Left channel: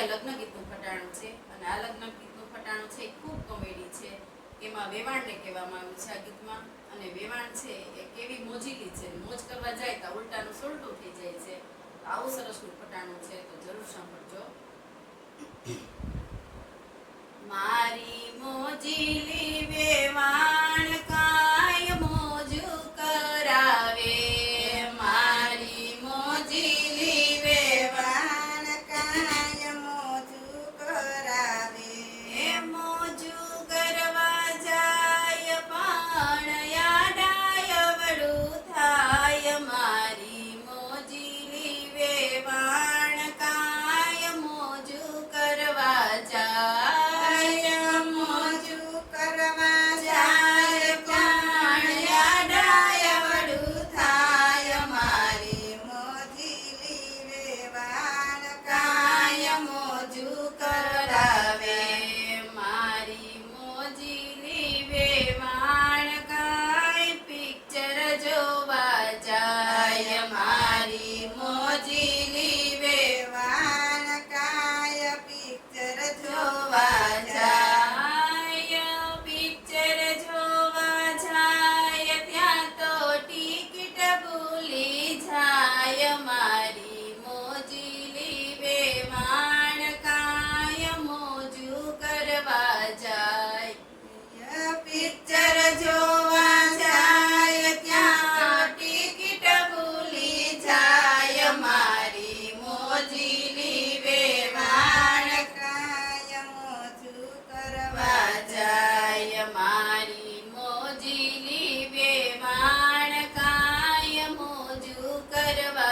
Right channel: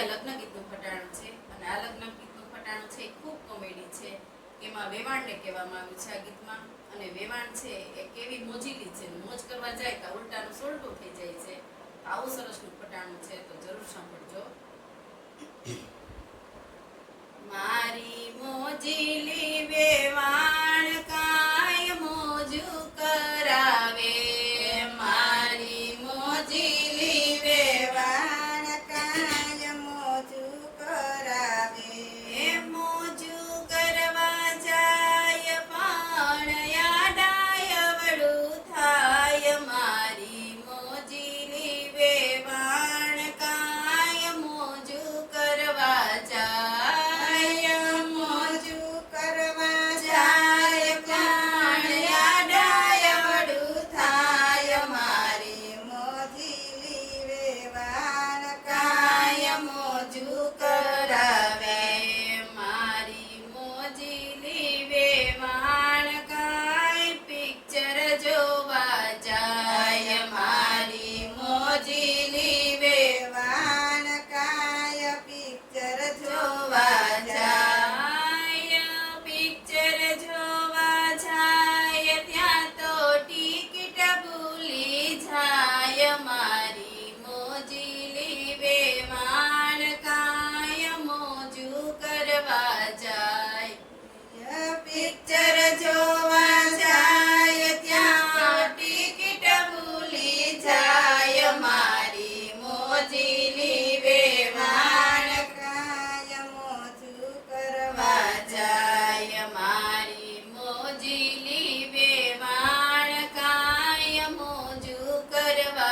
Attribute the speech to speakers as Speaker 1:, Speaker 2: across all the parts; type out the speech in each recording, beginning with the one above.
Speaker 1: આ લગ્ન ગીતનું ફટાણું છે અને આ લગ્ન ગીતનું ફટાણું છે ખૂબ કોમેડી છે. એમાં વેવાણને કહેવામાં આવ્યું છે આ ગીતમાં. અને વેવાણ છે, એ કેવી મોજીલી છે. મોજ કરવા જાય તો ઉલટાનું સોલટું થઈ જાય છે. આવું સરસનું ફટાણું છે, તો જરૂર સાંભળજો. મારી મોજીલી વેવાણ പരമാ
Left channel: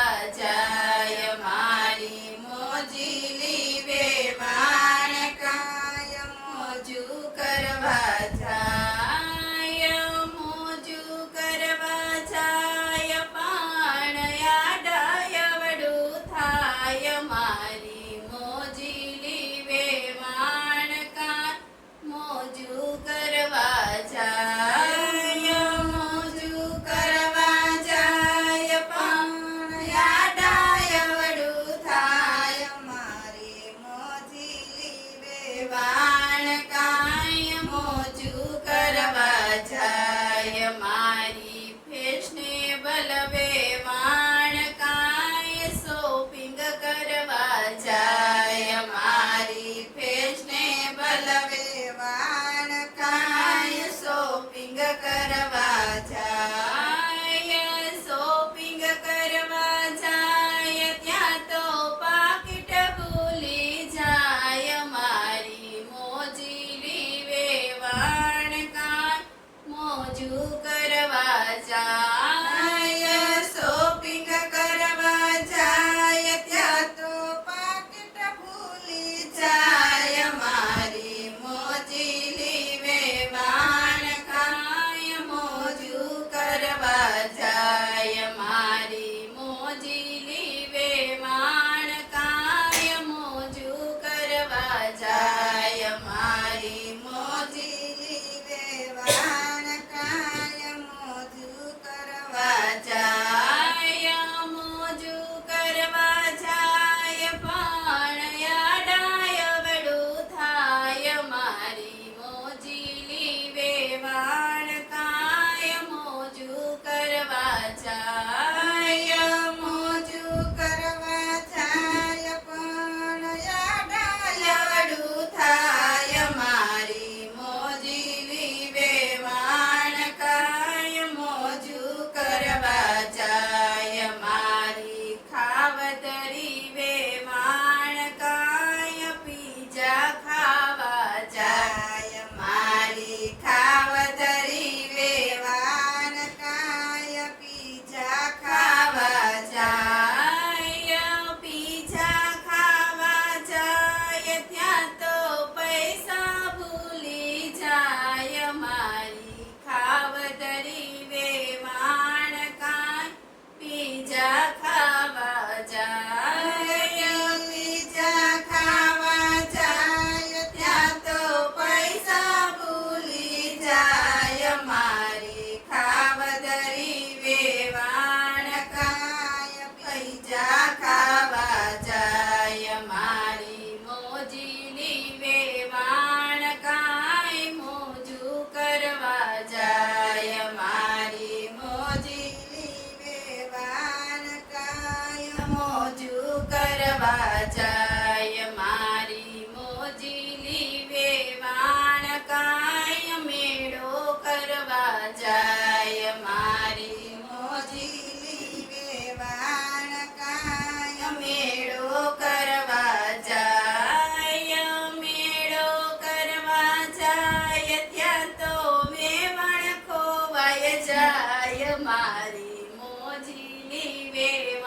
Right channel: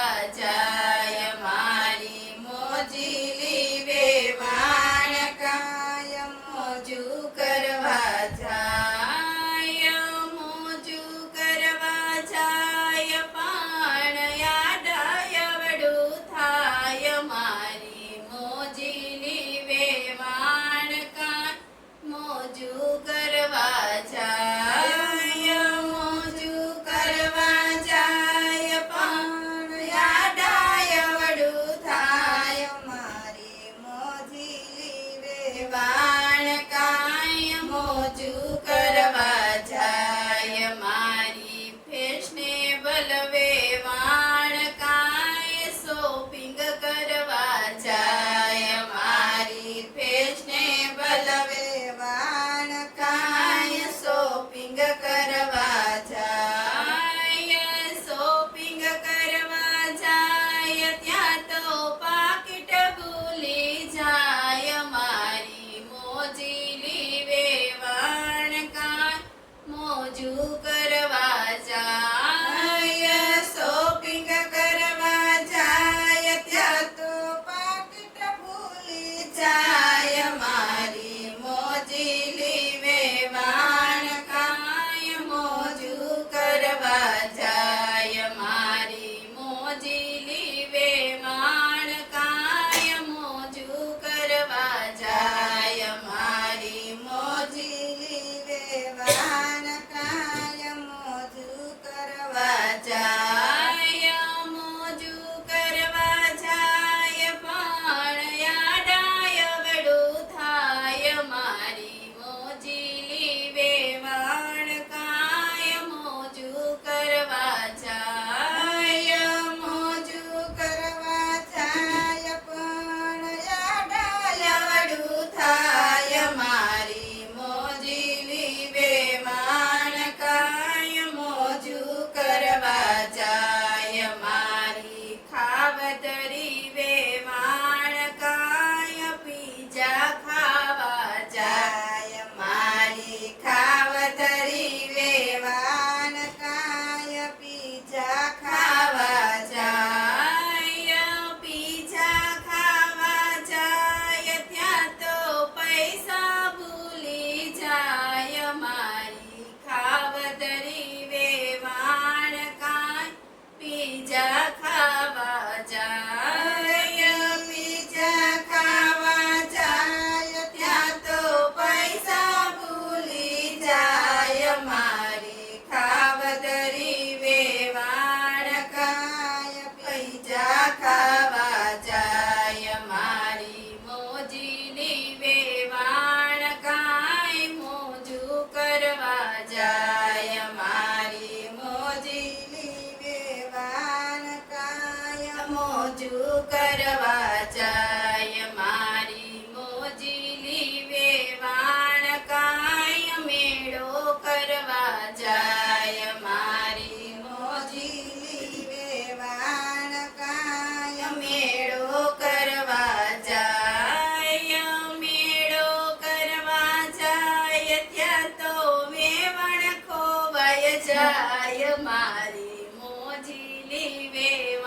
Speaker 1: મોજીલી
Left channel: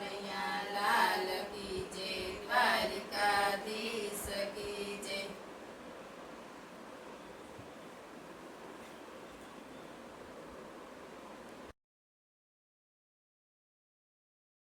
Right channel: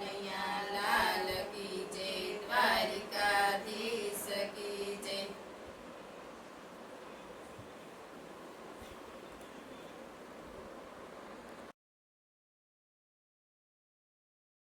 Speaker 1: Yeah.